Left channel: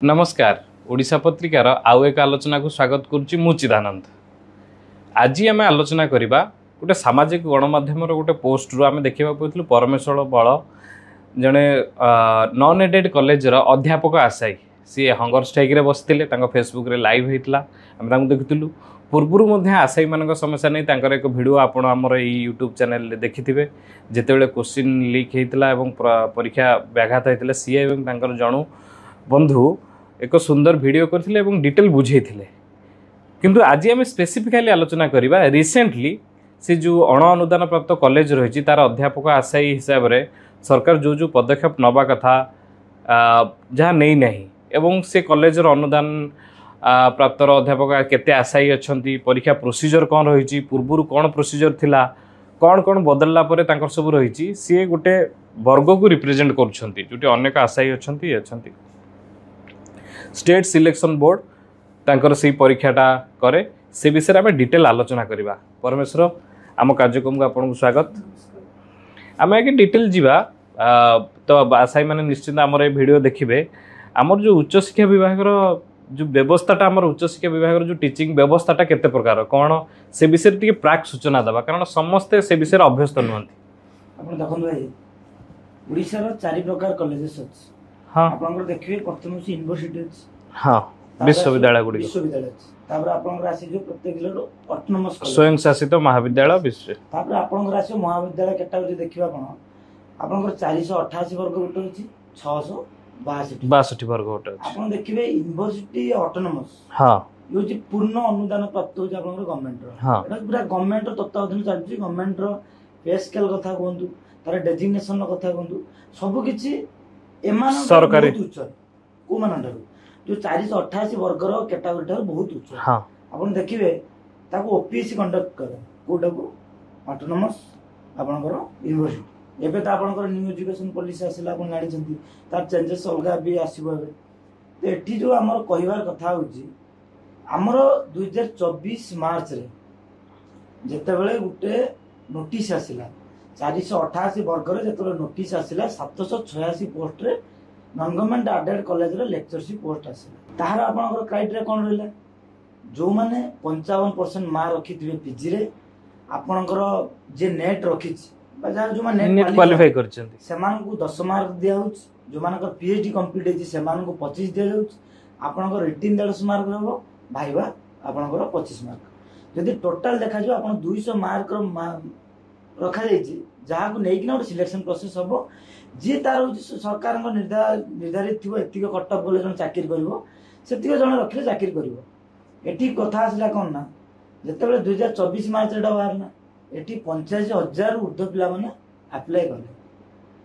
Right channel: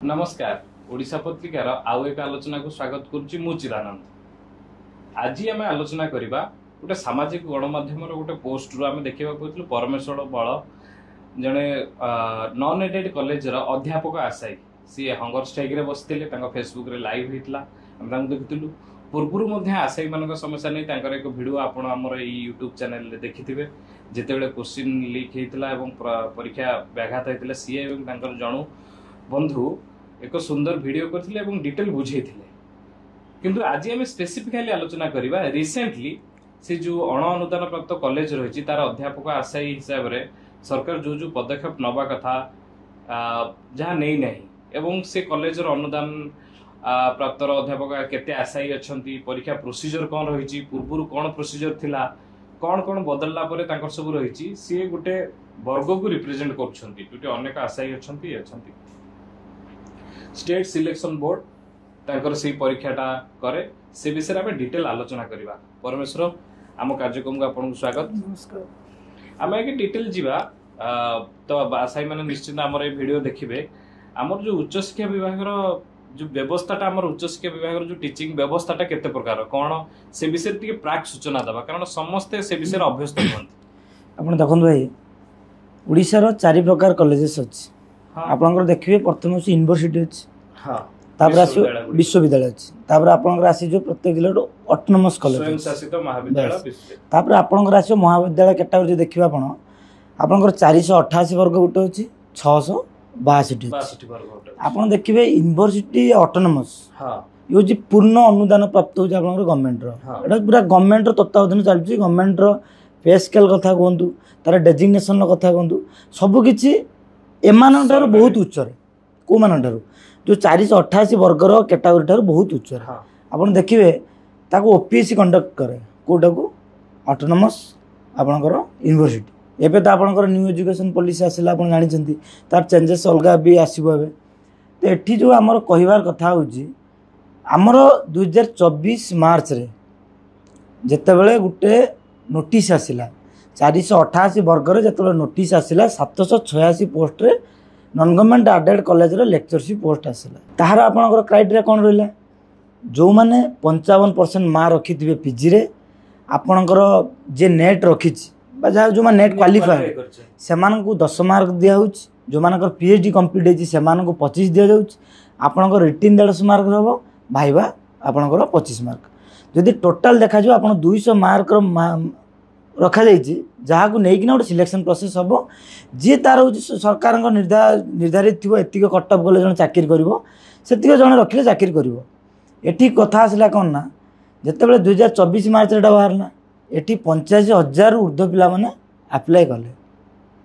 नमस्कार ओडिशा पत्रिकार आउ एक आलोचना को स्वागत करुच्ची मु चिदानंद। आज आम आलोचना करवा गोटे सामाजिक गणमाध्यम गोटे पोस्ट रु आम देखा पाइलु परमेश्वर बल जड़े नॉन एडेड कॉलेज अध्यापक आशायी सी हंगर स्ट्राइक रे बसते फेसबुक रे लाइव होता आम देखुलु पूर्वर आशायी मान समस्या नहीं एक भिड आप यूट्यूब चैनल देखिथे जिते क्वेश्चन लीक होता परीक्षा व्याघात होता सी जणु बंधु एक सुंदर वीडियो करथिले एवं डिटेल बुझेइथिले किंतु आज आम स्पेसिफिकली आलोचना करवा रिसेंटली से जो अण अनुदान प्राप्त कॉलेज रही तार अध्यापक आशायी हिसाब से सरकार जो जो पदक्षेप नवा कथा जहाँ नहीं नहीं एवं से कॉलेज अनुदान प्राप्त अध्यापक केते आशायी अच्छी परीक्षा प्रोसीजर कौन रही पूर्वर कौन प्रोसीजर थिला कौन कौन बदलला परे तांकर सब रही सी गोटे वर्ग को रिप्रेजेंट कर अनेक आशायी अच्छी स्टेट सिलेक्शन बोर्ड तांकर से परीक्षाटा करे से विषय में डिटेल आलोचना करवा। परमेश्वर आम कार्यक्रम को आपको स्वागत। आम आगे डिटेल जीवा तो आशायी मैंने निश्चित आम वीडियो देखिए आमर जो उच्च शिक्षा विभाग जो व्यवस्थाटा आम उच्च शिक्षा विभाग जो टीचिंग व्यवस्थाटा केते प्रकार कौन से विषय टी प्राक सूचना देवा कारण समस्ते से विषय अभ्यस्त नुहति। आप देखो भाई ओडिशार 4 प्रकार कॉलेजेस अच्छी। हाँ आपन देखिए प्रथम यूनिवर्सिटी अच्छी। हाँ विश्वविद्यालय अच्छी तापर आपन आसी जो प्रत्येक जिले ऑटोनोमस कॉलेज स्वयं शासित महाविद्यालय विश्व तापर आपन आसी महाविद्यालय कैटेगरी देखिए आपन 488 वर्ग गोटे अच्छी 662 वर्ग गोटे आपन देखिए यूनिवर्सिटी ऑटोनोमस। हाँ ये हूँ पूर्ण अनुदान प्राप्त हो गवर्नमेंट पूरा गवर्नमेंट तत्वावधान चलती गवर्नमेंट पे स्केल कथा कहतु तार डेजिग्नेशन कथा कहतु सबकि एमान बहुत उच्च कौ मान जो 488 वर्गर कैटेगरी ठार बहुत उच्च। हाँ आप देखिए ओपीएससी कंडक्ट करे कौटा को ऑटोनोमस आपणकर यूनिवर्सिटी एवं तो आपंकर न्यू एजुकेशन पॉलिसी आसला आप जानते तार चेंजेस अलग भी आसो तो ये जो आमर कहबार कथा होमर 2024 मार्च रे जितेबले गोटे नोटिस आसला 488 वर्गर जो नोटिस आसला 786 पोस्ट रे नॉन गवर्नमेंट एडेड कॉलेज रो लेक्चरशिप पोस्ट आसला ताहार आपनकर क्राइटेरिया कौन रहा जो मैंने 55% मार्क रखी पीजी रे आपनकर जे नेट रखी जो नेट क्वालिफाई से 10 मार्क दिया जो मानकर पीएचडी कंप्लीट होती से 25 दि जाऊँ आपनकर रिटिन 150 मार्क रहो भाईबा आपनकर 25 मार्क जदि टोटाल देखा जाए आप 200 मार्क रखा जहाँ को लेकिन गोटे सिलेक्शन प्रोसेस हम जी तार हूँ सरकार निर्धारित थी एतिक कटअप कले जन चाकरी कर जन रखिले चाकरी कर कथा आसला कौन ना जितेबाला 2024 मार्च बाहरना ये 85,000 ऊर्ध्व पिला मैंने आप्लाय कले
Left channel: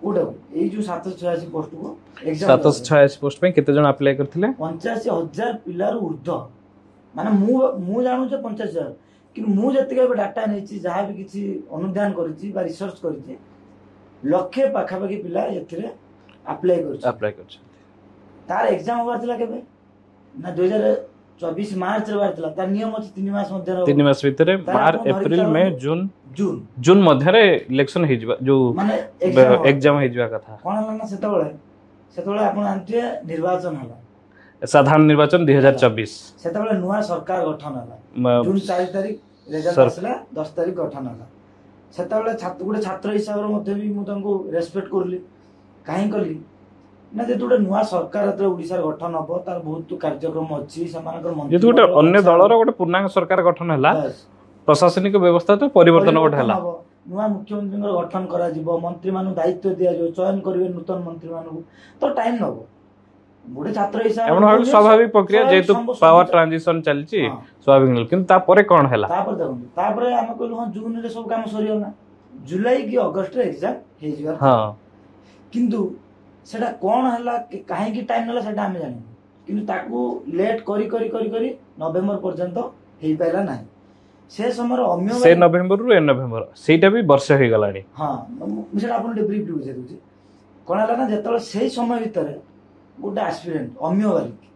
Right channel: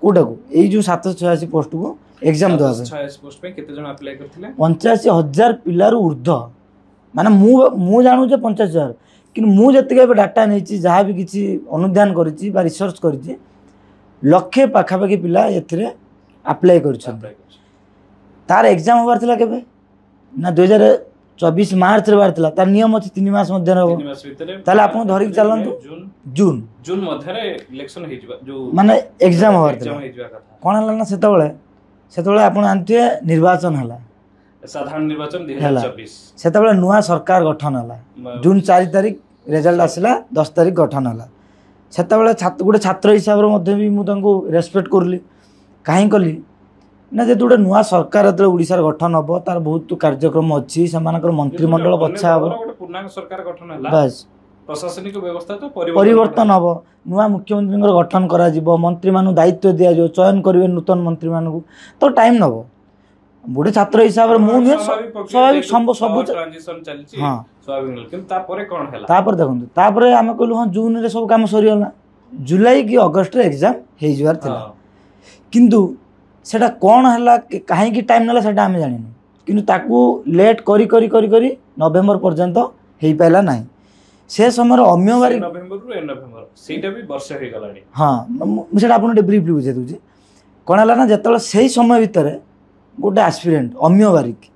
कौटा को यही जो 786 पोस्ट को एग्जाम 786 पोस्ट पे केते जन अप्लाई करथिले 85,000 पिलार ऊर्ध्व माने मु जानू जे 50,000 कि मुझे डाटा नहीं जहाँ भी किसी अनुधान कर रिसर्च कर लक्षे पाखापाखि पिला एप्लाय कर तार एग्जाम होबार थिला केबे ना 2024 मार्च रे बार थिला तार नियम अछि 3 मास मध्य रे 3 मास भीतर ताले आपण धरि चलन जून मध्य रे इलेक्शन हे जिबा जो माने एग्जाम हे जिबा कथा कोन हला ना सेतबेले आपण जानथिए निर्वाचन हला साधारण निर्वाचन 2024 सेतबेले नुआ सरकार गठन हला जून 4 तारिख रिजल्ट आसला 10 तारिख गठन हला सेतबेले गोटे छात्र हिसाब रे मध्ये भी मु तांको रेस्पेक्ट करली काहे कली ना जे गोटे नुआ सरकार एतले ओडिसा रे गठन हबो तार बहुत कार्यक्रम अछि समानकर मंत्रिमंडल अन्य दलर गोटे पूर्णांग सरकार गठन हला बस प्रशासनिक व्यवस्था तो परिवर्तन हबो नुआ मुख्यमंत्री गठन करा जिवो मंत्री मानु दायित्व दिया जो चयन करिवे नूतन मंत्री मानु तो टाइम नबो गोटे छात्र हिसाब से स्वाभाविक प्रक्रिया जेतु पावर ट्रांजिशन चलची स्वाभाविक किंतु तापरे कोन हैला तापर देखंतु तापरे हम कहलु हां जून रे सब काम सरी होला जुलाई की अगस्त रे एग्जाम हे जवार था किंतु सेटा कोन हैला काहे की टाइम नला सेटा हम जानिनु किंतु ताकू लेट करी करी करी करी नवेम्बर पर्यंत हेई पाइला नाही से समय अम्य से नवेम्बर रु नवेम्बर सेटा भी वर्ष हे गलानी। हां सेटा आपन ब्रीफली बुझे दूची कोन हैला ना जतल सेही समय भीतर गोटे एस्पिरेंट अम्य बारिक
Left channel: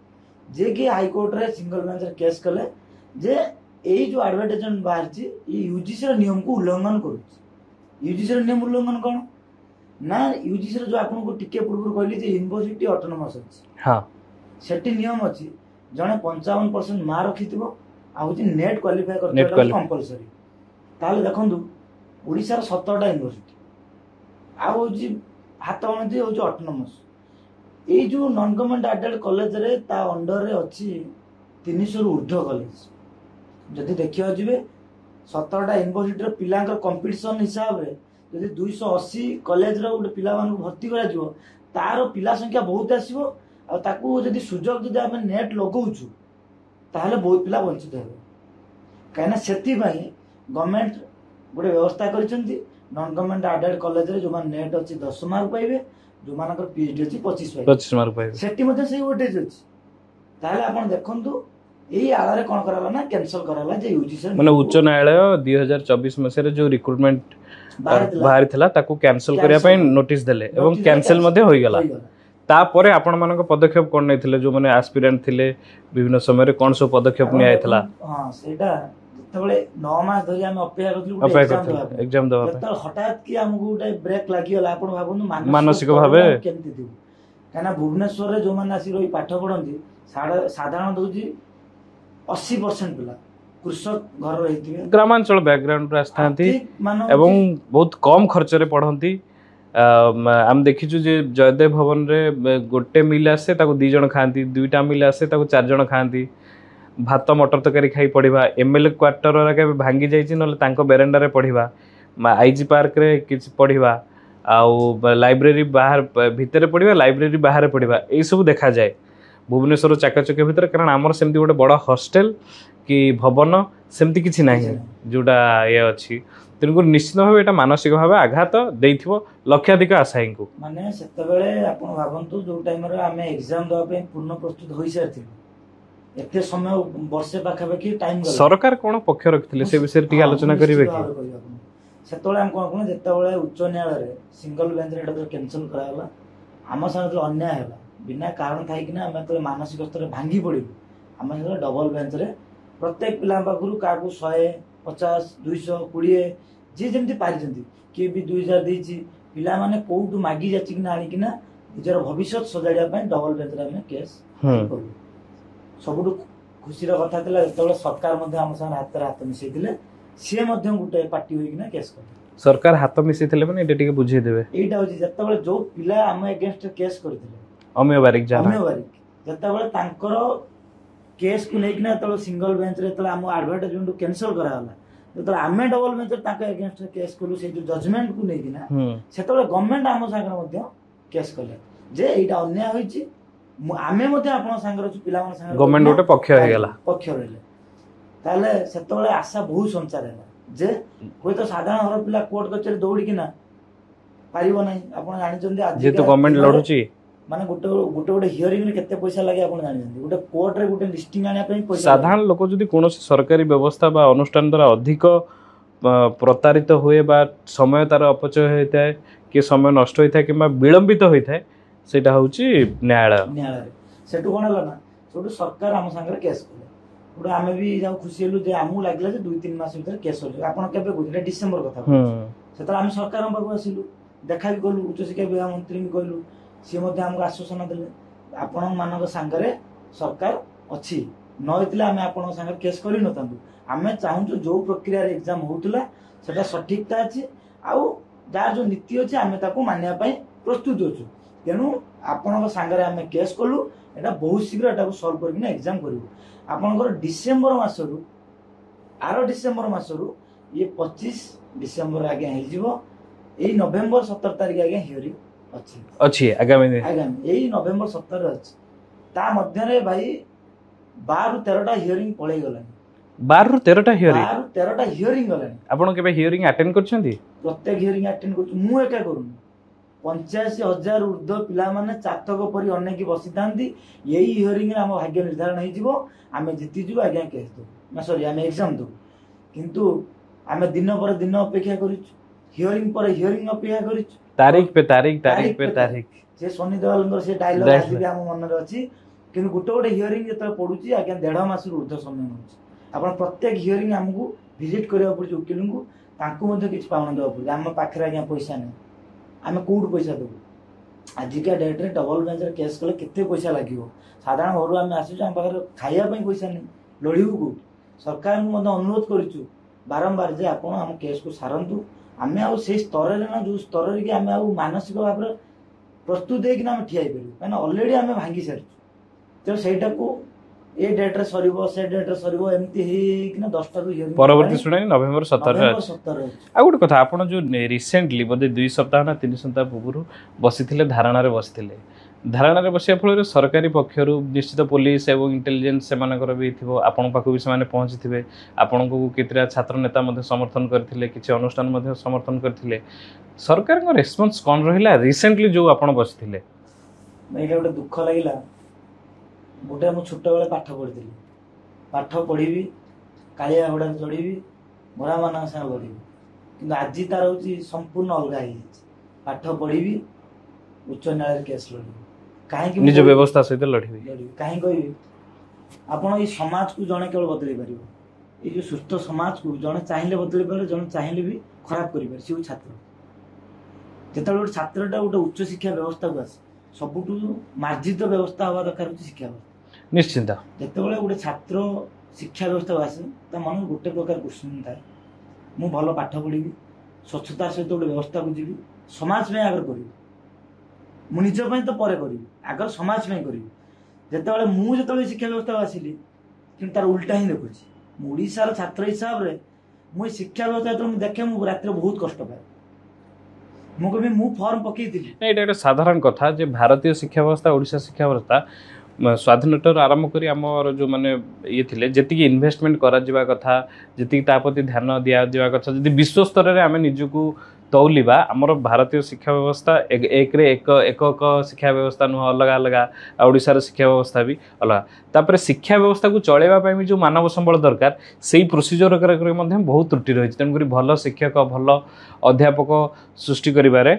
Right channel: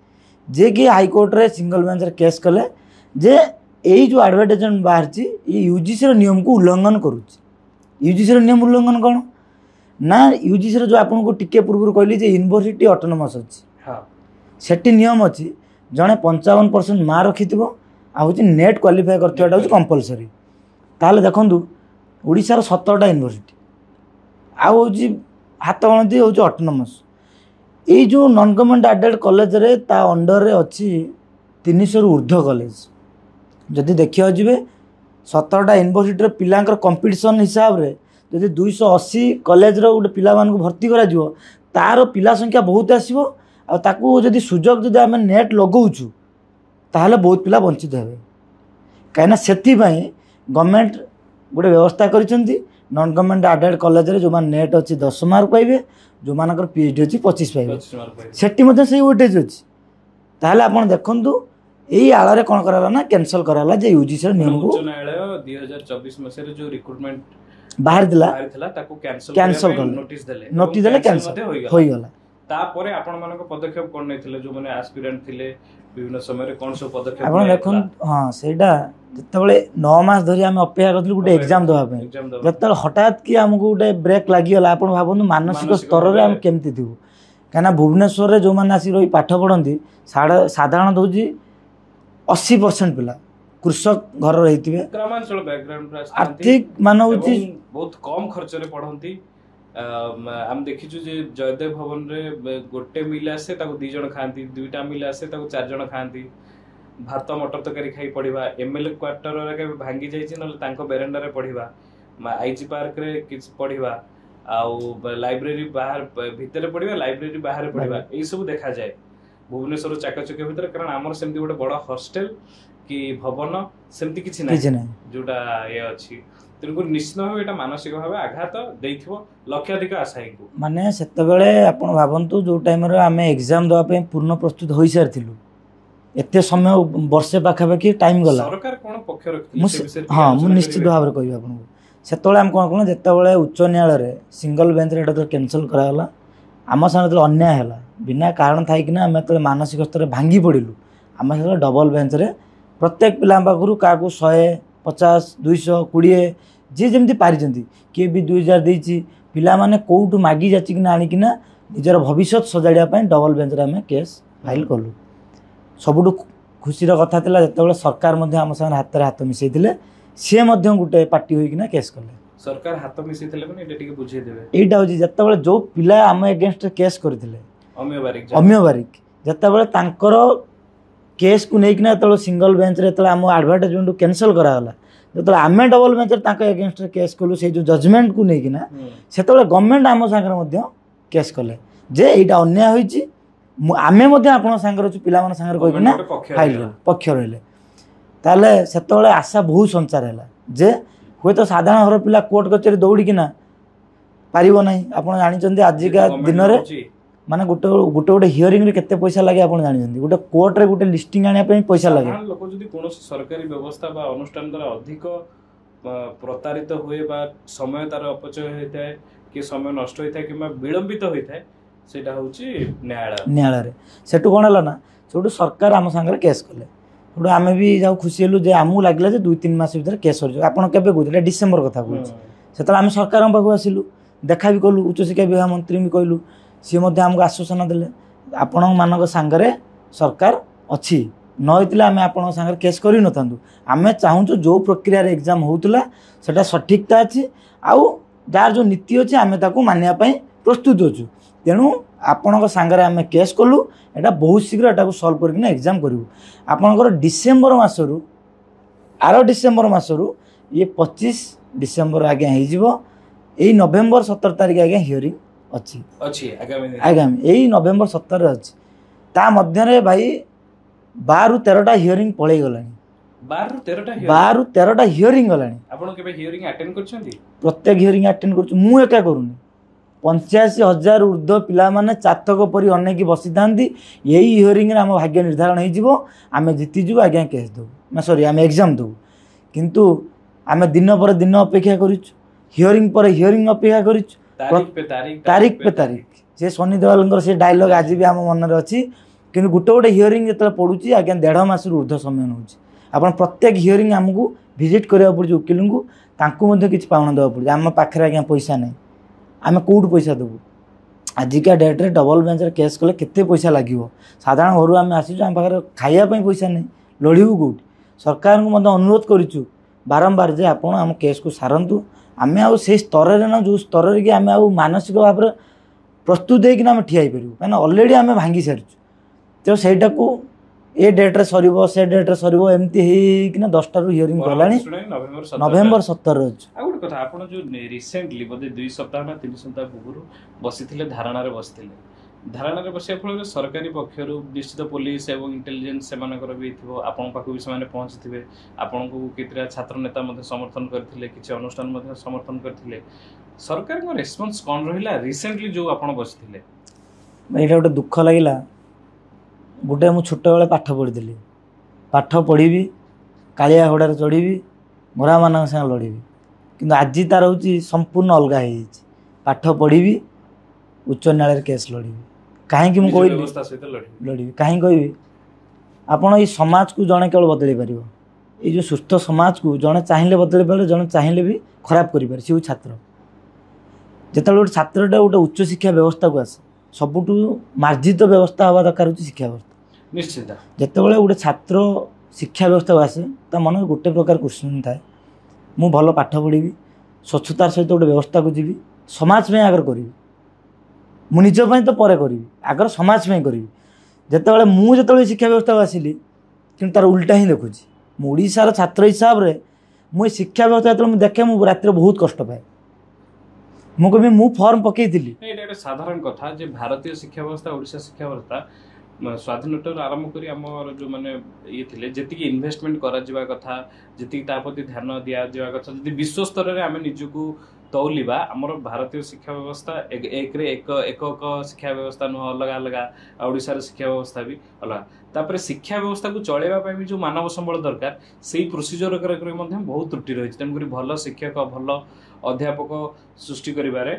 जे कि हाईकोर्ट रे सिंगल बेंच रे केस कले जे यही जो एडवर्टाइजमेंट बाहर ये यूजीसी नियम को उल्लंघन करुच्ची यूजीसी नियम उल्लंघन कौन ना यूजीसी जो आपको टिके पूर्व कहली यूनिवर्सिटी ऑटोनोमस अच्छी। हाँ सेठी नियम अच्छी जड़े 55% मार्क रखि हूँ नेट क्वालिफाई कर कंपलसरी ताहले देखु ओडिशार 17टा यूनिवर्सिटी आउ हाथ गणती हूँ ऑटोनोमस ये जो नॉन गवर्नमेंट एडेड कॉलेज रे ता अंडर रे अच्छी 300 रु ऊर्ध्व कॉलेज जदि देखा जी 17टा यूनिवर्सिटी पिलांकर कंपटीशन हिसाब रे जदि 280 कॉलेज रो गोटे पिला मान भर्ती करा जिवो तार पिला संख्या बहुत आसीबो आ ताकू जदि सुजोग जदि आम नेट लगाऊँ ताहले बहुत पिला वंचित हेबे कहीं से गवर्नमेंट गोटे व्यवस्था करिसेंती नॉन गवर्नमेंट एडेड कॉलेज रे जो मान नेट अच्छी 10 मार्क पाइबे जो मानकर पीएचडी अच्छी 25 पाइबे सेठी मध्ये सेही वेटेज अछि ताहले आपण देखंतु एई आळा रे कोन कराला ना कैंसिल कराला जे यूजीसी माने उच्च न्यायालय 2024 मसेरे जो रिक्रूटमेंट बाहर थिला ताकू कैंसिल करिया पय नोटिस देले एवं कैंसिल मध्ये होई गेला तापरे आपण मानक पदक्षेप कोन नै थिले जो माने एस्पिरेंट थिले विभिन्न समय रे कोन सो पदक्षेप नै आइतला हां सेडा जतबेले 9 मास धरि हम अपेक्षा करथलु गुटे एग्जाम दवा जतबेले हठात कि हमकु गुटे ब्रेक लागि गेला आपण भाबनु मानसिक स्तर रे हम केमति दिबु काना भुवनेश्वर रे जो माने आसी रही पाठ पढंती साधारण दोजी 80% पिला कृषक घर रही ग्रामांचल बैकग्राउंड रे आस्थांती एवं बहुत कम खर्च रे पढंती आम देखिछु जे जयदेव भवन रे गोटे मिल आसे ताको 2 जण खांती 2टा मिल आसे ताको 4 जण खांती भात मटर तरकारी खाई पढ़ा एमएलए क्वार्टर रे भांगी जाइछि नले तांको बेरेंडा रे पढ़ा आईजी पार्क रे किछ पढ़ा आउ लाइब्रेरी बाहर भितर पढ़ा लाइब्रेरी बाहर पढ़ा ए सब देखा जाए भुवनेश्वर चाकचक्य भितर कारण आमर सेमती गोटे बड़ हॉस्टल कि भवन सेमती किछि नै जोटा ये अछि तेणुक निश्चित भाव एटा मानसिक भाव आघात देइथिबो लक्षाधिक आशायी को माने सेतबेले आपण भाबंतु जो टाइम रे आमे एग्जाम दवा पे पूर्ण प्रस्तुत होई सारथिलु एते समय वर्षे पाखापाखि टाइम गला सरकार कोन पक्ष रखथिले से विषय रे आलोचना करिवे निश्चित भाव रे कहि आपन सेतबेले हम कोन जेतबेले उच्च न्यायालय रे सिंगल बेंच रे एटा कैंसिल कराला आम संगे अन्याय है बिना कारण थाई कि आम जो मानसिक स्तर भांगी पड़ू आम से डबल बेंच रे प्रत्येक पिला पाखु क्या 150 200 20 जी जमी पारी किए भी 2000 देती पिला माने कौटू मागी जाचिकिना आनिकिना निजर भविष्य सजाड़िया डबल बेंच रे आम केस फाइल कलु सबुठु खुशीर कथा जो सरकार आम सागर हाथ हाथ मिसई सी गोटे पार्टी होना केस कले सरकार हाथ मिसई माने एटा टिके बुझे देबे एटा होची जत्तबेले जो पिला आम एगेंस्ट केस करथिले अमिय बारिक जत्तबेले तांकर केस को लेकिन जो सिंगल बेंच रे आम एडवर्टाइजमेंट कैंसिल कराला जो आम डबल बेंच रे एगेंस्ट केस कलु से जो जजमेंट को लेकिन से गवर्नमेंट आम सागर केस कले जे एटा अन्याय होईची आमे आपण सागर पिला पक्ष रहिले ताले सेतबेले आशा बहुत संचार है जे हुए तो साधारण घर पिला कोर्ट कचेरी दौड़िकिना पारिबो नाही आपण जानिचंदी आजिका दिन रे माने गोटे गोटे हियरिंग रे केते पैसा लागे आपण जानिचंदी गोटे कोर्ट रे गोटे लिस्टिंग आनिया पे पैसा लागे साधारण लोक जदी कोनोसी सरकारी व्यवस्था बा अनुष्ठान द्वारा अधिक प्रतारित हुए बा समय तार अपचय होइताय कि समय नष्ट होइताय किबा विलंबित होइताय सेटा होउची न्यायालय रे सेटु कोन हला ना सेटु सरकार आम संगे केस कले गोटे आम भी जाऊ खुशी हेलु जे आमू लगे 2-3 मास भीतर केस हो आपन केबे कहले डिसेंबर कथा से आम सरकार पाखु आसिलु देखा भी कलु उच्च शिक्षा विभाग मंत्री भी कहलु सी आमको आश्वासन देले आपण मानक सांगरे सरकार अच्छी नईला आम आपण सांगरे केस कर न आम चाहूँ जो प्रक्रिया एग्जाम होता सेटा सठिकता अच्छी आउ जार जो नीति अच्छी आम मानिया प्रस्तुत अच्छु तेणु आपण सांगरे आम केस कलु एटा बहुत शीघ्र एटा सल्व करके एग्जाम करूँ आपणकर डिसेम्बर मसरू आर डिसेम्बर मसरू ये 25 डिसेम्बर आज्ञा हो नवेम्बर 17 तारिख आज्ञा हियरिंग अच्छी आगामी यही नवेम्बर 17 अच्छी ता मध्य भाई 12 ରୁ 13टा हियरिंग पड़े गला 12 ରୁ 13टा हियरिंग गला आपण केबे हियरिंग अटेंड करछंती प्रत्येक हियरिंग अटेंड करछु मु एका करूनी 85,000 ऊर्ध्व पिला माने चातक परी अनेक बसी थांती यही हियरिंग रे हम भाग्य निर्धारण हो जिवो आमे जीति जिवो आज्ञा केस दो ना सॉरी आमे एग्जाम दो किंतु आमे दिन पर दिन अपेक्षा करिछु हियरिंग पर हियरिंग अपेक्षा करिछु तारीख पे तारीख से सनी देवाल से डायलॉग आज भी आम मन में अच्छी कि गोटे गोटे हियरिंग जो पड़ुची आज्ञा 1.5 मास ऊर्ध्व समय नौ आप प्रत्येक हियरिंग आमको विजिट करा पड़े वकिल को किसी पाउना देवा पड़े आम पाखे आज्ञा पैसा ना आम कौटू पैसा देवु आजिका डेट्रे डबल बेंच केस कले केते पैसा लगे साधारण घर आम आसीचु आम पाखे खाइबापी पैसा नहीं लड़ू कौट सरकार को अनुरोध करूँ बारंबार जे आप आम केस को सारतु आम आउ से स्तर ना जो स्तर कि आम आउ मानसिक भाव में प्रस्तुत होना आम ठिया पारू कहीं अलरेडी आम भांगी सारी तो सहीटा को ए डेट्रे सर से डेट्रे सर एमती होना 10टा हियरिंग नवेम्बर 17 अच्छे आ गोटे कथा आप जो रिसेंटली बोधे 2 सप्ताह ना 3 सप्ताह पूर्व बसी धारणा बसी धारणा बसा फल सरकारी पक्षर निश्चित पुलिस एवं इंटेलिजेंस से भी थी आपण पाक भी से पहुँची थे आपण को केतरा छात्र नेता समर्थन करते किसी अनुष्ठान समर्थन करते सरकार का रेस्पॉन्स कौन रहा रिसेंटली जो आप बसी ये गोटे दुख लगे गोटे मु छोट बेले पाठ पढ़ी पाठ पढ़ी कालिया घोड़ार चढ़ी घोड़ा मान संग लड़ी कि आज तार हूँ संपूर्ण अलग पाठ पढ़ी उच्च न्यायालय केस लड़ी कहीं व्यवस्था सहित लड़ी कहीं कहबी आपड़ ये समाज को जड़े केवल बदल पार ये जो सुस्थ समाज को जड़े चाहिए बदल पारे जड़े चाहिए भी खराब कर सी छात्र जिते गोटे छात्रटा गोटे उच्च शिक्षा व्यवस्था को आसे सबुठ मार्जित व्यवस्था हवा दरकार होची शिक्षा व्यवस्था निश्चित जितेबाला गोटे छात्र शिक्षा व्यवस्था को आसे ता मन गोटे प्रकार क्वेश्चन थाए मु भल पाठ पढ़ी स्वच्छतार सहित गोटे व्यवस्था को जीवी समाज में आगर करी मु निज तो पर करी आगर समाज में करी जितेबाला मु जिते शिक्षा व्यवस्था को आसिली कि तार उल्टा ही देखुची मु ओडिशार छात्र हिसाब से मु शिक्षा व्यवस्था जो देखे मु रात बहुत कष्ट पाए मु कभी मु फॉर्म पकई ये साधारण कथा जे भारतीय शिक्षा व्यवस्था ओडिशा शिक्षा व्यवस्था स्वाधीनता आरंभ करी आमर जो माने ये थिले जति इन्वेस्टमेंट करा जिबा कथा जति तापति ध्यान दिया दिबा कथा जदि विश्व स्तर रे आमे निजको तौलिबा आमर भारतीय शिक्षा व्यवस्था एक रे एक शिक्षा व्यवस्था नुह अलग अलग ओडिशार शिक्षा व्यवस्था भी अलग तापर शिक्षा व्यवस्था को चलेबा पई भी जो मानव संबल दरकार सेही प्रोसीजर करे मध्ये बहुत त्रुटि रही तेणु करी भल शिक्षक भल अध्यापक सृष्टि करिबारे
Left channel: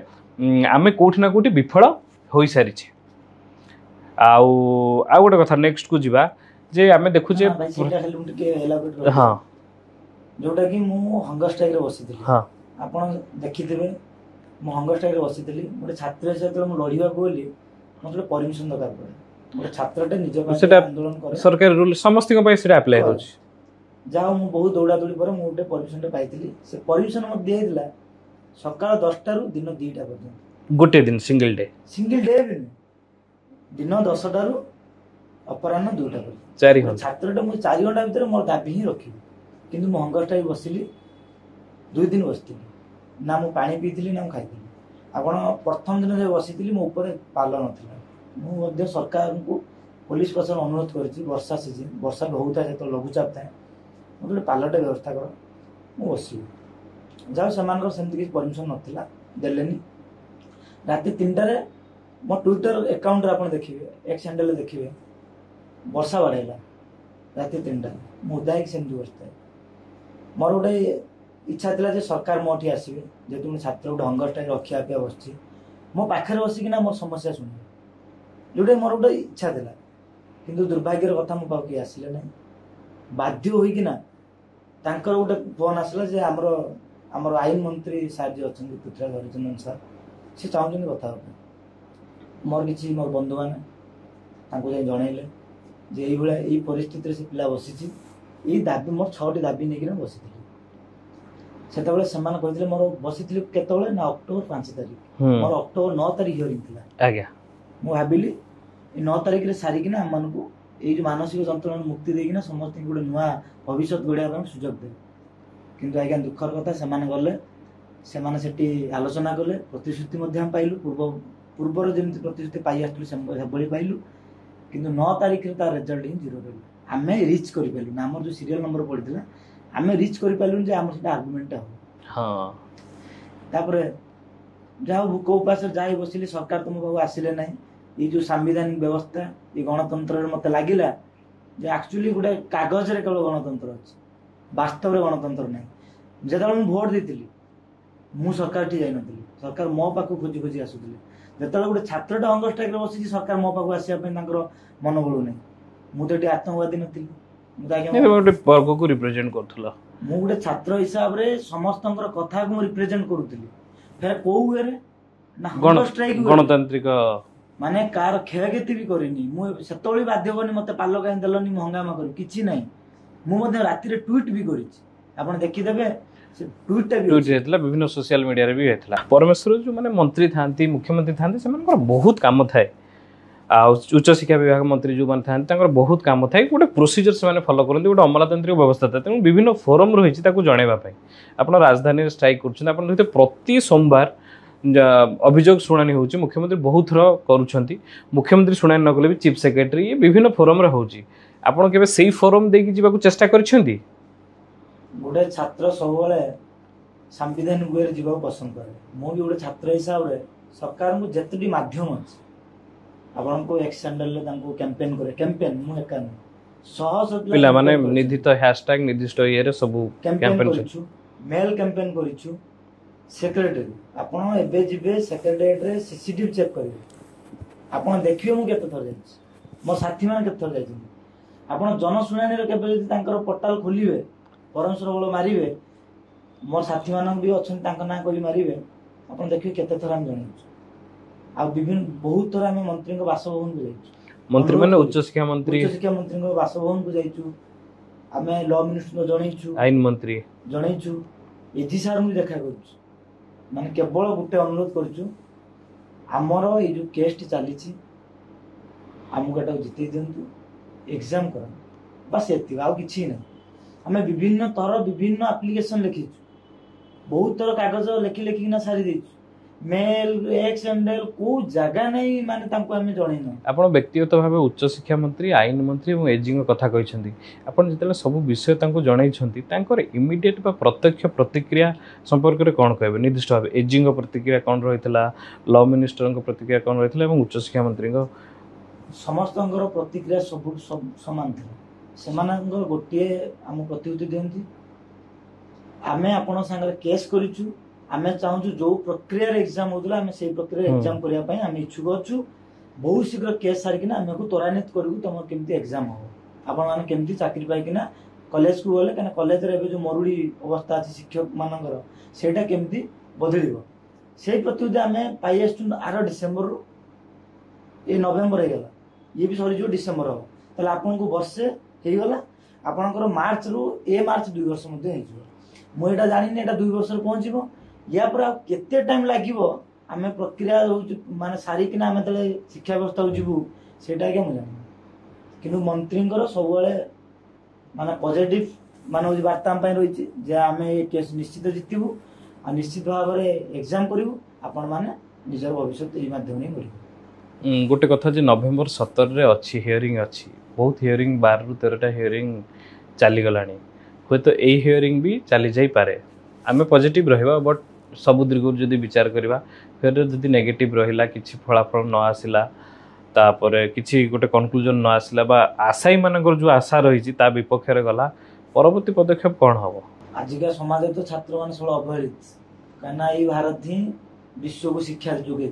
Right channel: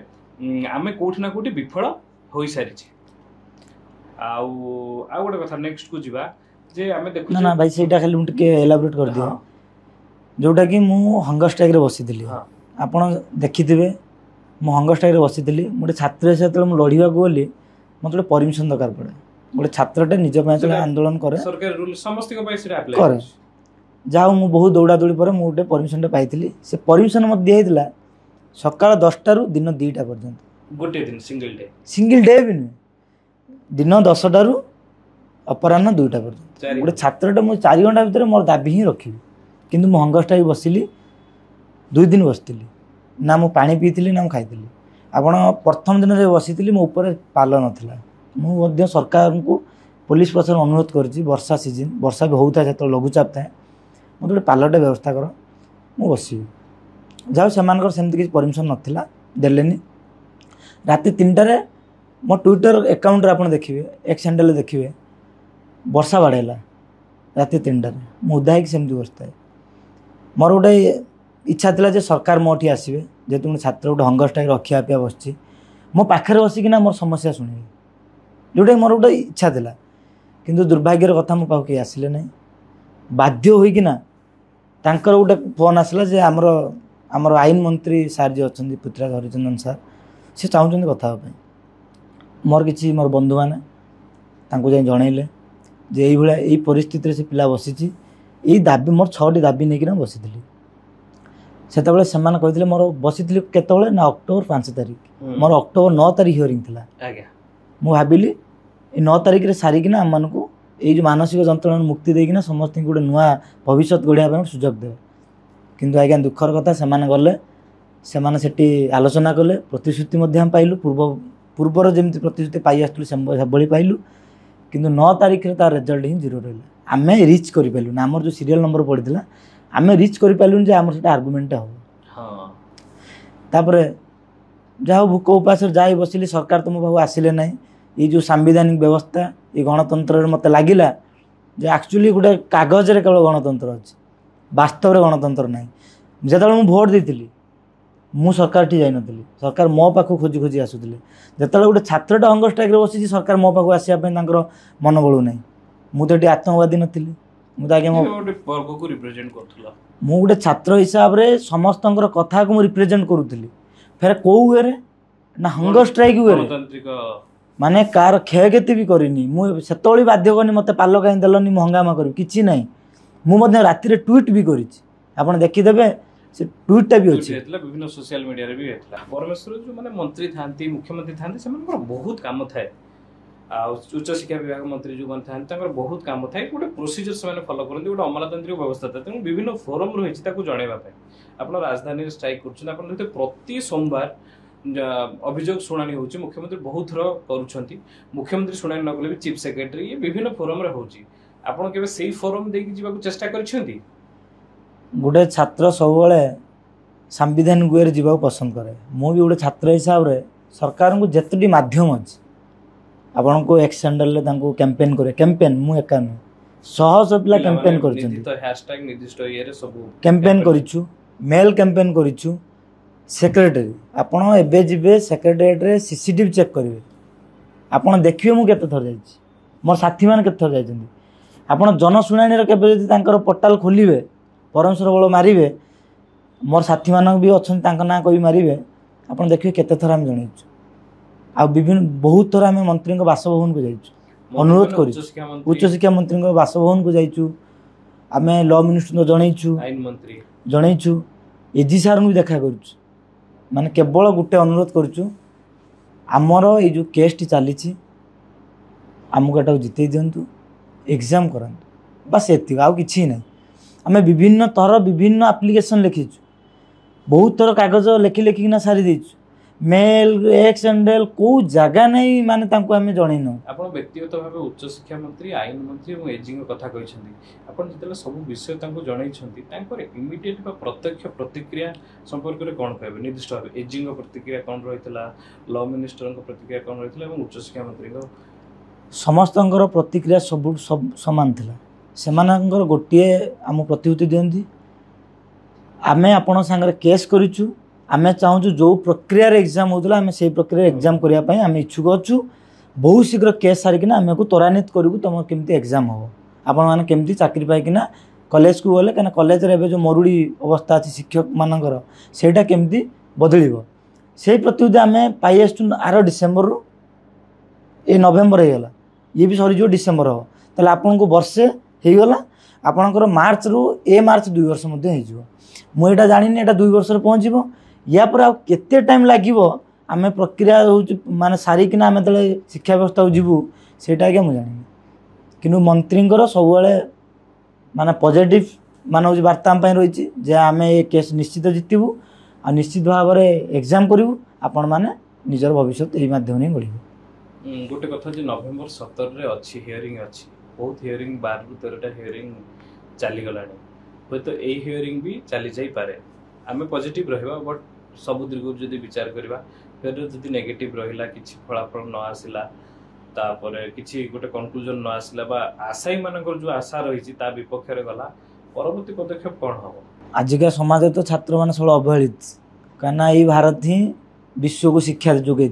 आमे कोठी ना कोठी विफल होई सारी आउ गोटे कथा नेक्स्ट को जीवा जे आमे देखु जे भाई सेटा खाली मुटे एलाबोरेट कर हां जोटा कि मु हंगर स्ट्राइक रे बसिथिली हां आपण देखिथिबे मु हंगर स्ट्राइक रे बसिथिली गोटे छात्र से तले लड़िबा को बोली मते परमिशन दरकार पड़े गोटे छात्रटे निज पय आंदोलन करे सरकार रूल समस्त को पय सेटा अप्लाई कर जाओ मु बहुत दौड़ा दौड़ी पर मु गोटे परमिशन टे पाइथिली से परमिशन मत दिया हितला सकाळ 10टा रु दिन 2टा पर्यंत गोटे दिन सिंगल डे भी नहीं दिन 10टा रु अपराह्न 2टा पर्यंत गोटे छात्रटे मु 4 घंटा भीतर मोर दाबी ही रखी किंतु मु हंगर स्ट्राइक बसिली 2 दिन बसती ना मु पानी पीती ना मु खाई आपण प्रथम दिन में बसी मो ऊपर पाल नाला मुझे सरकार को पुलिस प्रशासन अनुरोध करुँच वर्षा सीजन वर्षा भी होता है जो लघुचाप थाए मत गोटे पालटे व्यवस्था कर मु बसबी जाओ से सेमती किसी परमिशन नाला देलेनी राति 3टार मो ट्विटर अकाउंट आप देखिए एक्स हैंडल देखिए वर्षा बढ़ेगा राति 3टार मुदा है सेमती बसता मोर गोटे इच्छा था जे सरकार मोटी आसवे जेहेतु मैं छात्र गोटे हंगर स्ट्राइक रखा बस मो पाखे बसिकिना मोर समस्या शुणे जोटा मोर गोटे इच्छा था किंतु दुर्भाग्यर कथा मो पाक आसिले ना बाध्य होइकिना तांकर गोटे फोन आसला जे आमर आईन मंत्री सार जी अच्छा पृथ्वीराज हरिचंदन सार से चाहते कथा मोर किसी मोर बंधु मैंने जाए जनइले जे यही परिस्थिति से पिला बसी यही दाबी मोर 6टी दाबी नहीं बसी से कहते मोर बसी केतले ना अक्टोबर 5 तारिख मोर अक्टोबर 9 तारिख हियरिंग थी आज्ञा मु भाविली 9 तारिख सारिकिना आम मानक ये जो मानसिक जंत्रणा मुक्ति देकिना समस्त गोटे नुआ भविष्य गढ़ा सुजोग दे किंतु आज्ञा दुखर कथा से गले से आलोचना कले प्रतिश्रुति पाइलु पूर्वर जमी प्रतिश्रुति पाई आसुँ पाइलु किंतु 9 तारिख तार रिजल्ट ही 0 रहा आम रिच करूँ ना आमर जो सीरियल नंबर पड़ा आम रिच करूँ आमर से आर्गुमेंट हम तापर जहाँ भूक उपास जा बसिली सरकार तुम पाक आसिले ना ये जो सांविधानिक व्यवस्था ये गणतंत्र मत लगिला जे एक्चुअली गोटे कागज रे केवल गणतंत्र अच्छे वास्तव में गणतंत्र ना जो मुझे भोट देती मु सरकार टी जाई नथली सरकार मो पाख खोजी खोजी आसुले जो गोटे छात्रटा हंगर स्ट्राइक बसी सरकार मो पाख आसवाई मन बलू ना मुझे आतंकवादी नी गोटे छात्र हिसाब से समस्त कथा को रिप्रेजेंट करूली फेर कौ वे ना हंगर स्ट्राइक गणतांत्रिक माने कार क्षयक्षति भी करनी मुझे बाध्य करनी मत पाल कहीं देलनी मु हंगामा करी कि ना मुझे राति ट्वीट भी कर देखीदे से ट्वीटा भी विभिन्न सोशल मीडिया भी होता परमेश्वर जो मैंने मंत्री था मुख्यमंत्री था से बहुत कम थाए उच्च शिक्षा विभाग मंत्री जो मैंने था बहुत कम थाए गोटे प्रोसीजर से फॉलो करते गोटे अमलातांत्रिक व्यवस्था था तेणु विभिन्न फोरम रही जनवाई आप राजधानी स्ट्राइक कर प्रति सोमवार अभियोग शुणाणी हो मुख्यमंत्री बहुत थर कर मुख्यमंत्री शुणाणी न कले भी चीफ सेक्रेटरी विभिन्न फोरम आपड़ के से फोरम देकी चेष्टा कर गोटे छात्र सब संविधान गुए जावाक पसंद करे मु भी गोटे छात्र हिसाब से सरकार को जिते मध्यम अच्छे आपण को एक्स हैंडल कैंपेन करे कैंपेन मु एका नु शह शह पिला कैंपेन निर्दिष्ट हैशटैग निर्दिष्ट ये सब कैंपेन करिछु मेल कैंपेन करिछु सेक्रेटरी आपण एबे जिबे सेक्रेटरीट रे सीसीटीवी चेक करिवे आपण देखिवे मु केते थर जाईछि मोर साथी मान केते थर जाइछन्ति आपण जनसुनानी रे केबे जदि तांकर पोर्टल खोलिवे परमेश्वर बळ मारिवे मोर साथी मान भी अछन तांका ना कहि मारिवे आपण देखिवे केते थर हम जणैछु आ विभिन्न बहुत थर आम मंत्री बासभवन को जाइछु अनुरोध उच्च शिक्षा मंत्री बासभवन को जाइछु आम लॉ मिनिस्टर जनइछु आईन मंत्री जनइछु एजी सार भी देखा करूछु माने केवल गोटे अनुरोध करूछु आमर ये जो केस टी चली आमको एटा जिते दिंतु एग्जाम करांतु बस एति आउ किछि नै आम विभिन्न थर विभिन्न एप्लिकेशन लिखिछु बहुत थर कागज लेखि लेखिना सारी देछु मेल एक्स हैंडल को जगह नहीं माने तांको हमें जणैनु आपण व्यक्तिगत भाबे उच्च शिक्षा मंत्री आईन मंत्री और एजिंग कथा कहिसंती आपण जतले सब विषय तांको जणैछंती तांकर इमिडिएट बा प्रत्यक्ष प्रतिक्रिया संपर्क रे कोन कहबे निर्दिष्ट भाबे एजिंग प्रतिक्रिया कोन रहितला लॉ मिनिस्टर को प्रतिक्रिया कोन रहितला एवं उच्च शिक्षा मंत्री को समस्तंकर प्रतिक्रिया सब समान थिला सेमानंकर गोटिए हम प्रतिउत्तर दियंती आमे आपण संगे केस करिछु आमे चाहूँ जो प्रक्रिया एग्जाम होता आम से प्रक्रिया एग्जाम करने आम इच्छुक अच्छु बहुत शीघ्र केस सारिकिना आम को त्वरान्वित करूँ तुम केमती एग्जाम हम आपण मैंने केमती चाकरी पाइकिना कॉलेज को गले कहीं कॉलेज रे जो मरुड़ी अवस्था अच्छी शिक्षक मानकर सेटा केमती बदल से प्रति आम पाई आसु आर डिसेम्बर ये नवेम्बर होगा ये भी सरीज डिसेम्बर हम ताले आपन को वर्षे होगला आपणकर मार्च रु ए मार्च 2 वर्ष मुझे जानी एटा 2 वर्ष पहुँचो या पर आ केते टाइम लागिवो आमे प्रक्रिया होउची माने सारिकिना आमे तले शिक्षा व्यवस्था को जीवु सेटा के मु जानि किनु मंत्रींकर सब बेले माने पॉजिटिव माने होउची वार्ता हम पय रहिची जे आमे ए केस निश्चित जितिबु आ निश्चित भाव रे एग्जाम करिवु आपण माने निजर भविष्य एई माध्यम नै गढिबु गोटे कथा जे नवेम्बर 17 रे अछि हियरिंग अछि बहुत हियरिंग 12 रु 13 टा हियरिंग चाली गलानी होय तो एई हियरिंग भी चाली जाई पारे आमे पॉजिटिव रहिबा बट सब दीर्घ जदि विचार करवा फिर जदि नेगेटिव रहिला किछि फलाफल न आसिला तापरे किछि गोटे कंक्लूजन न आसिला बा आशाई मानकर जो आशा रही ता विपक्ष रे गला परवर्ती पदक्षेप कौन हम आजिका समाज तो छात्र मान सब अवहेलित कहीं ये भारत ही विश्व को शिक्षा जोगे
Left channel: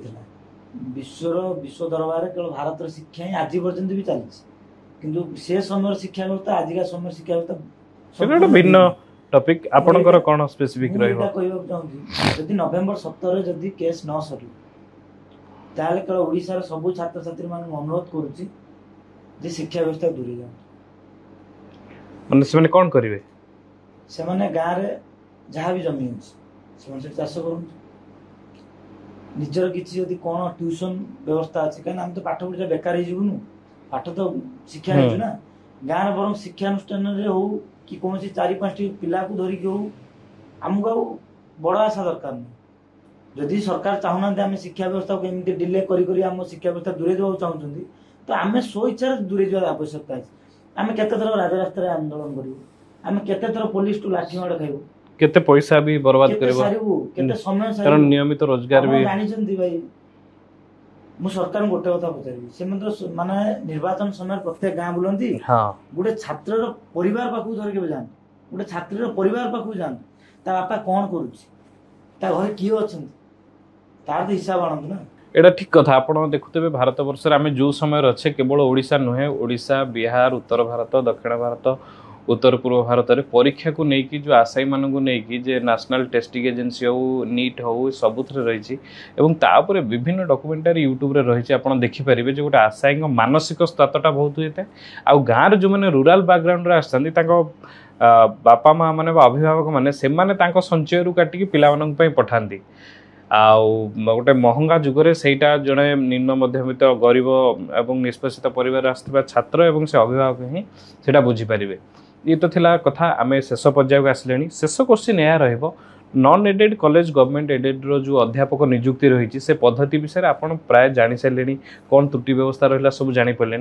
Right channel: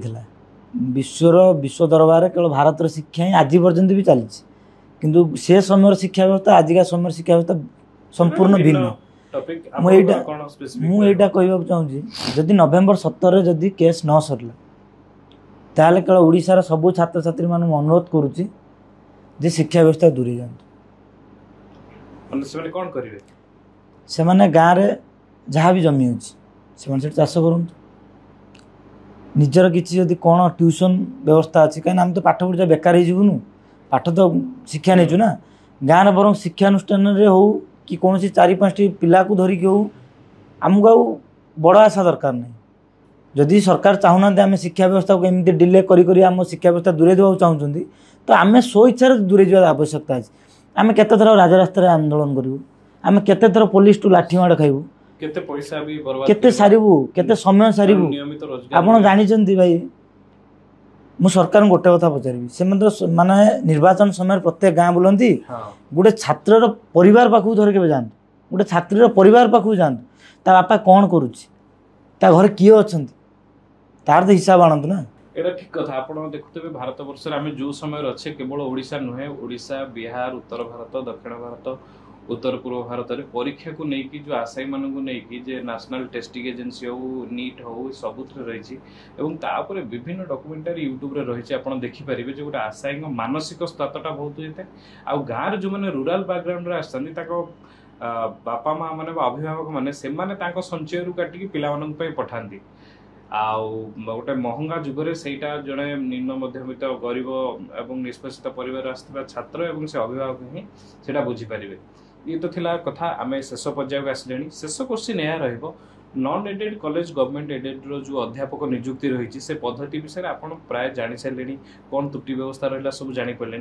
विश्व दरबार केवल भारत शिक्षा ही आज पर्यंत भी चली किंतु से समय शिक्षा व्यवस्था आजिका समय शिक्षा व्यवस्था संपूर्ण टॉपिक आपनकर कोन स्पेसिफिक रहबो एटा कहबा चाहूँ जदि नवेम्बर 17 जदि केस न सरला ताले केवल ओडिसा रा सब छात्र छात्री मान अनुरोध करूची जे शिक्षा व्यवस्था दूरी जान माने से माने कोन करिवे से माने गां रे जहाँ भी जमी होची से माने चाष करन निजर किछि जदि कोन ट्यूशन व्यवस्था अछि कान हम तो पाठ पढा बेकार हे जीवनु पाठ तो शिक्षा नै छु ना गां रे बरम शिक्षा अनुष्ठान रे हो कि कौन सी 4-5 पिला को धरिक हो आमको बड़ आशा दरकार नहीं जदि सरकार चाहूना आम शिक्षा व्यवस्था को एमती डिले करी आम शिक्षा व्यवस्था दूरे देवा चाहूँ तो आम स्व इच्छा दूरे जावा आवश्यकता अच्छे आम केते थर राजरास्ता आंदोलन करूँ आम केते थर पुलिस टू लाठी माड़ खाइबू केते पैसा भी बर्बाद केते सारिबू केते समय सारिबू नियमित रोजगार आपण जानिचंती भाई मु सरकार गोटे कथा पचारि से माने निर्वाचन समय प्रत्येक गाँ बुलती गोटे छात्र परिवार पाखु धर के जान गोटे छात्री परिवार पाखु जान ता बापा कौन करुच्ची ता घर किए अच्छा तार तो हिसाब आणत ना एटा ठीक कथा आपण देखुते भारत वर्ष आम जो समय अच्छे केवल ओडिशा नुहे ओडिशा बिहार उत्तर भारत दक्षिण भारत उत्तर पूर्व भारत में परीक्षा को लेकिन जो आशायी मानक नहीं जे नेशनल टेस्टिंग एजेंसी हो नीट हो सबुथ रही तापर विभिन्न डॉक्यूमेंटरी यूट्यूब रही आप देखिपारे जो गोटे आशायी मानसिक स्तरटा बहुत होता है आ गाँव जो मैंने रूराल बैकग्राउंड आसता बापा माँ मैंने अभिभावक मैंने संचय काटिकी पिला पठाती गोटे महंगा जुगरे सेटा जड़े निम्न मध्यमित गरीब एवं निष्पेषित परिवार आसुवा छात्र एवं से अभिभावक ही सेटा बुझीपारे। ये तो थिला कथा आम शेष पर्याय आसिले शेष क्वेश्चन यह रहा non aided college government aided रो जो अध्यापक नियुक्ति रही से पद्धति विषय आपन प्राय जानी सारे कौन त्रुटि व्यवस्था रहा सब जानीपारे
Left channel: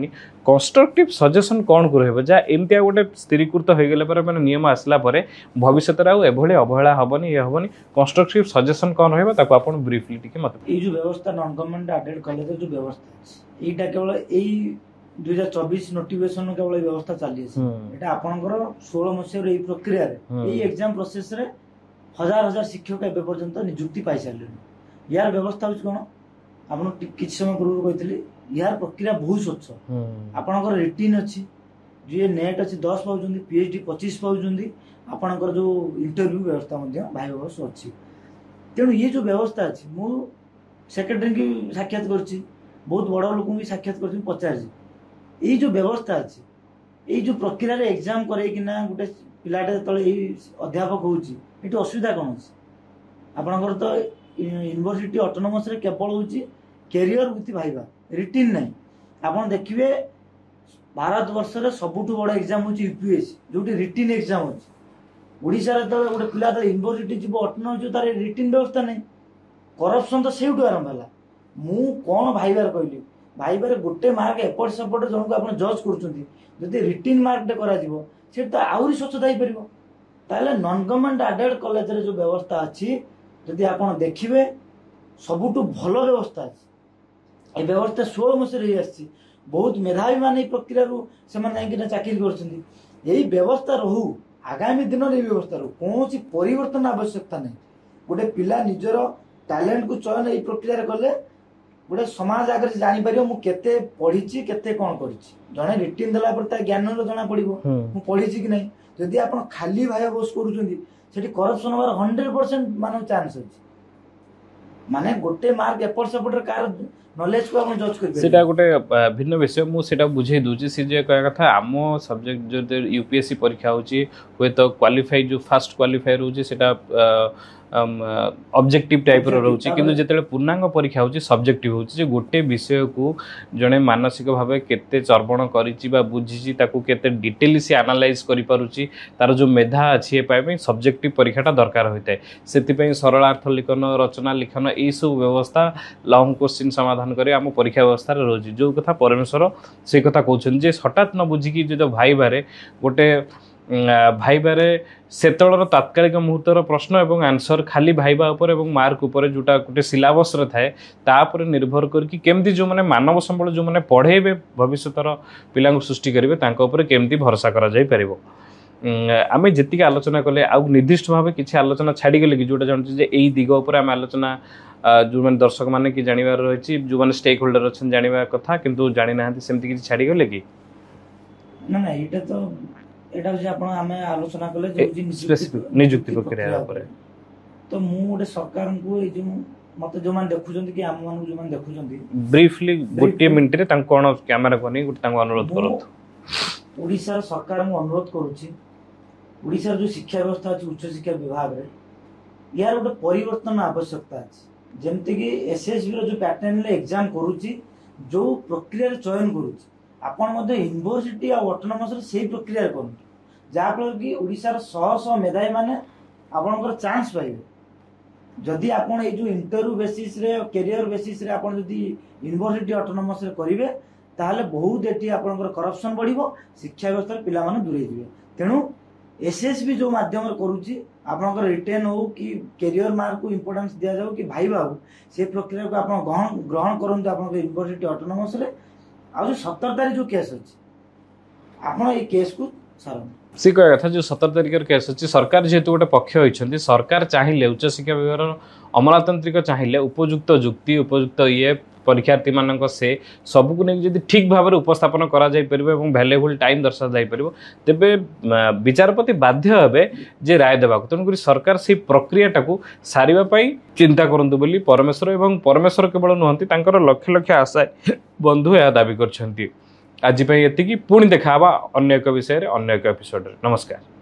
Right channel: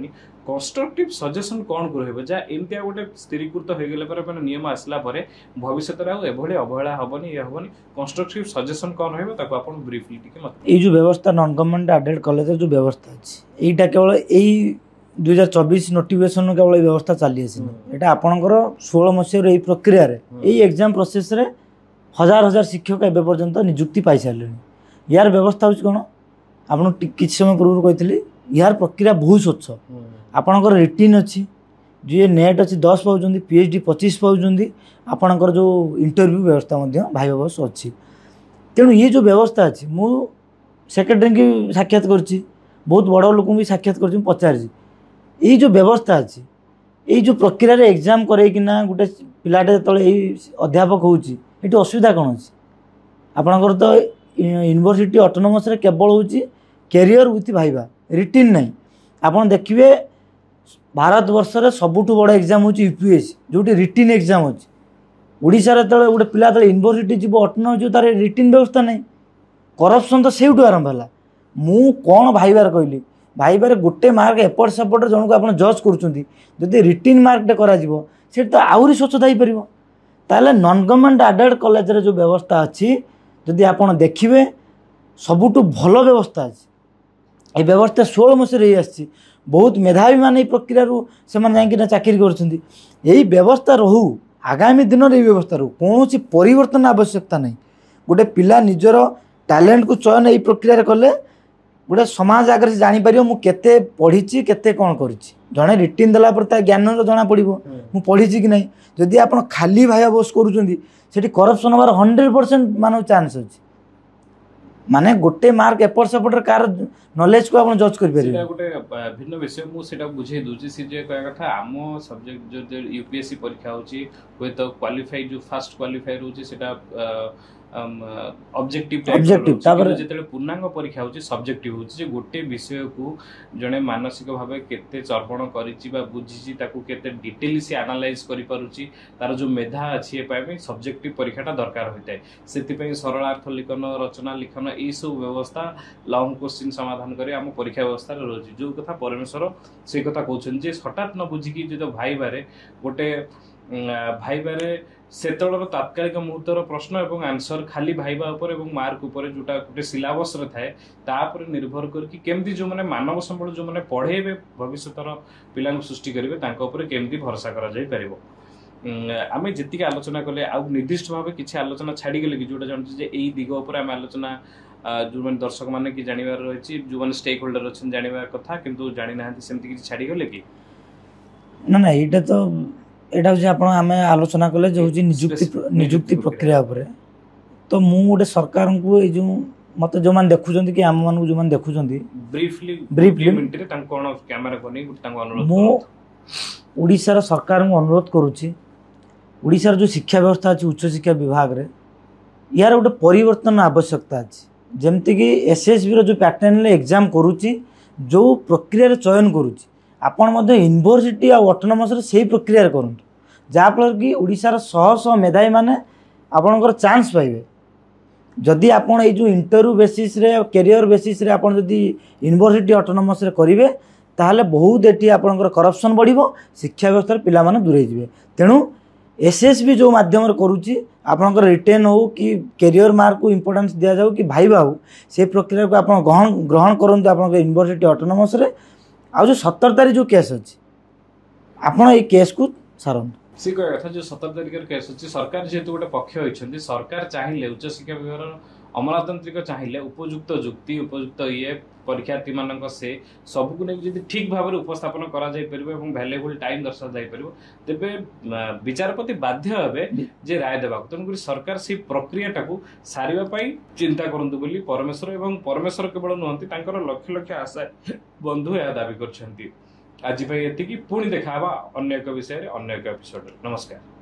कंस्ट्रक्टिव सजेसन कौन को रहा जहाँ एमती गोटे स्थिरीकृत हो गले मैंने नियम आसला भविष्य में अवहेला हेनी ये हेनी कंस्ट्रक्टिव सजेसन कौन रहा आप ब्रीफली मत जो व्यवस्था नॉन गवर्नमेंट एडेड कॉलेज जो व्यवस्था अच्छी यहाँ केवल यही 2024 नोटिफिकेशन केवल व्यवस्था चली यहाँ आपंकर 16 मसीह प्रक्रिया एग्जाम प्रोसेस रे हजार हजार शिक्षक एवं पर्यंत नियुक्ति पाई सारे यार व्यवस्था हूँ कौन आपको किसी समय पूर्व कही यार प्रक्रिया बहुत स्वच्छ आपणकर रिटिन अच्छी जो ये नेट अच्छी 10 पाँच पीएचडी 25 पाँच आपणकर जो इंटरव्यू व्यवस्था भाई बस अच्छी तेणु ये जो व्यवस्था अच्छी मु सेक्रेटरी की साक्षात कर बहुत बड़ लोक भी साक्षात कर पचार ये जो व्यवस्था अच्छी ये जो प्रक्रिया रे एग्जाम करना गोटे पिलाटे जो अध्यापक होती असुविधा कौन अच्छी आपणकर तो यूनिवर्सिटी ऑटोनोमस रे केवल हूँ कैरियर विथ भाइबा रिटिन नहीं आपड़ देखिए भारत वर्ष रे सबुठ बड़ एग्जाम हूँ यूपीएससी जो रिटिन एग्जाम अच्छी ओडिशा रे तले गोटे पिला तले यूनिवर्सिटी जीव ऑटोनोमस जो तार रिटिन व्यवस्था नहीं करप्शन तो से आरंभ है मु कौन भाइबार कहली भाइबार गोटे मार्क एपट सेपट जन को आप जज कर रिटिन मार्कटे कर तो आहरी स्वच्छता हो पार ताले नॉन गवर्नमेंट एडेड कॉलेज रे जो व्यवस्था अच्छी जदि आप देखिए सबुठ भल व्यवस्था अच्छी ये व्यवस्था 16 मसीह आसी बहुत मेधावी मान प्रक्रिया से चाकरी कर व्यवस्था रहू आगामी दिन में व्यवस्था रहू कौन परिवर्तन आवश्यकता नहीं गोटे पिला निजर टैलेंट को चयन ये प्रक्रिया कले गोटे समाज आगे से जापर मुझे पढ़ी केते कौन कर जड़े रिटिन देला ज्ञान जना पड़ो मु पढ़ी कि नहीं जदि आप खाली भाई बस कर करप्शन हमार 100% मान चान्स अच्छी माने गोटे मार्क एपट सेपट कार नॉलेज को आप जज कर गोटे भिन्न विषय मुझे बुझे दूसरी सी जे कह कथा आम सब्जेक्ट जो यूपीएससी परीक्षा होची हुए तो क्वालिफाई जो फास्ट क्वालिफाई रोचे सेटा ऑब्जेक्टिव टाइप रोचे जिते पूर्णांग परीक्षा होची सब्जेक्टिव होची गोटे विषय को जड़े मानसिक भाव केते चर्वण करिछि बा बुझिछि ताकू केते डिटेल से एनालाइज करि पारुछि तार जो मेधा अछि पाए सब्जेक्टिव परीक्षाटा दरकार होता है से सरलार्थ लिखन रचना लिखन यही सब व्यवस्था लॉन्ग क्वेश्चन समाधान करे आम परीक्षा व्यवस्था रोचे जो कथा परमेश्वर से कथा कहते हठात न बुझिकी जो भाइबारे गोटे भाइबारे सेतलर तात्कालिक मुहूर्तर प्रश्न एवं आंसर खाली भाइबा उपर एवं मार्क उपर जोटा गोटे सिलेबस रे थाए तापर निर्भर करके केमती जो माने मानव संबल जो माने पढ़ेबे भविष्यतर पिलांग सृष्टि करेंगे तांको उपर केमती भरोसा करा जाय परिबो आम जी आलोचना कले आउ निर्दिष्ट भाव किसी आलोचना छाड़ीगले कि जोटा जानते जे एई दिग उपर आम आलोचना जो मैंने दर्शक मैंने कि जानवर रही जो मैंने स्टेक होल्डर अच्छा जानवा कथा किंतु जानी ना सेमती किसी छाड़ीगले कि ना ना ये तो यहाँ आम आलोचना कले जो नियुक्ति प्रक्रिया तो मु गोटे सरकार को जो मत जो मैंने देखुं कि आम मान जो देखुं ब्रीफली मिनट रे कौन कैमरा को अनुरोध ओडिशार सरकार को अनुरोध करुच्ची ओडिशार जो शिक्षा व्यवस्था अच्छी उच्च शिक्षा विभाग रे यार गोटे परिवर्तन आवश्यकता अच्छी जमती कि एसएसबी जो पैटर्न एग्जाम करुच्ची जो प्रक्रिया चयन करुच्ची आपण यूनिवर्सिटी और ऑटोनोमस से प्रक्रिया करूँ जहाँफल कि ओडिशार शह शह मेधावी मैंने आपणकर चांस पाइबे जदि आपण जो इंटरव्यू बेसिस रे कैरियर बेसिस रे आपण जदि यूनिवर्सिटी ऑटोनोमस रे करिवे ताहले बहुत एटी आपणकर करप्शन बढ़िबो शिक्षा व्यवस्था पिला माने दूरे जिवे तेणु एसएसबी जो माध्यम करुच्ची आपणकर रिटेन हो कि कैरियर मार्क को इंपोर्टेंस दिया जाऊ कि भाइबा हो से प्रक्रिया को आप ग्रहण करंतु आपणकर यूनिवर्सिटी ऑटोनोमस रे आ जो 17 तारीख जो केस अच्छी आपण ये केस को सारंतु सी कह कथा जो 17 तारिख केस अच्छी सरकार जेहेतु गोटे पक्ष होती सरकार चाहिए उच्च शिक्षा विभाग अमलातांत्रिक चाहिए उपयुक्त जुक्ति उपयुक्त ये परीक्षार्थी मानक से सबको नहीं जब ठीक भाव में उपस्थापन करा जाई परिबो एवं वैल्यूएबल टाइम दर्शा जाई परिबो तेबे विचारपति बाध्य हेबे जे राय देबा तेणुक सरकार से प्रक्रिया टाकू सारिबा पई चिंता करंतु बोली परमेश्वर एवं परमेश्वर केवल नुहंती तांकर लक्ष लक्ष आशा बंधु यह दाबी करछंती। आज एति पुणी देखा अन्य एक विषय अन्य एक एपिसोड। नमस्कार।